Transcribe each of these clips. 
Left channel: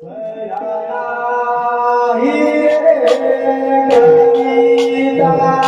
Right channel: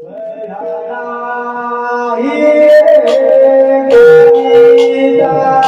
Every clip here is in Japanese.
Yeah.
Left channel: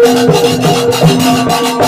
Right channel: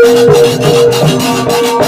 Thank you.